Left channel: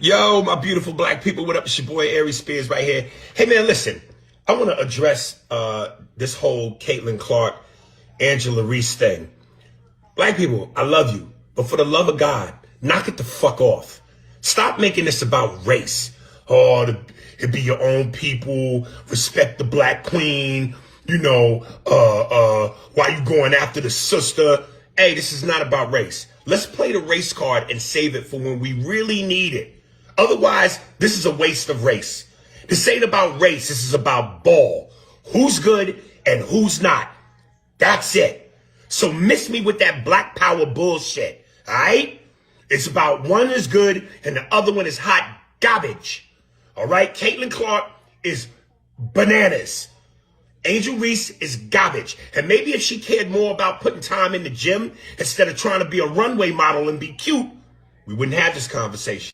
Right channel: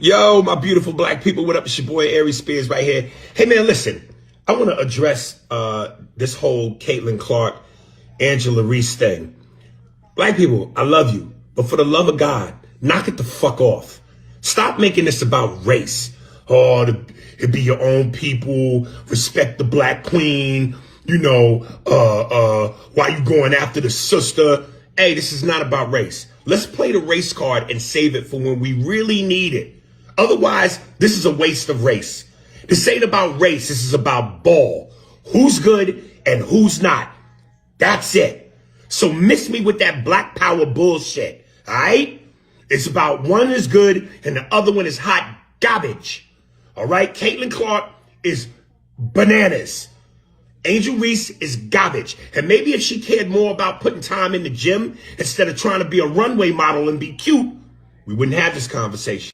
Yo, my beautiful black people, what up? It's your boy Aries Spears right here. Hey man, listen, I want to address this whole Caitlin Clark, Angela Reese thing. Black people, I love you, but for the love of God, knock it the fuck off. Stop making this about race. Oh, to be your own people, respect the black queen, why you going after the sister? Hey, this is not about race. Let's play the race card and save it for when we really need it. Otherwise, this is a waste of race. This ain't about race, this is about ball. Who's good and who's not. That's it. So miss me with that black power bullshit, all right? It's about one is good and the other one is hot garbage, all right? Caitlin Clark is bananas. Angel Reese is garbage. And maybe if she cared more about putting time in the gym instead of trying to be a runway model and be cute, we wouldn't have this conversation.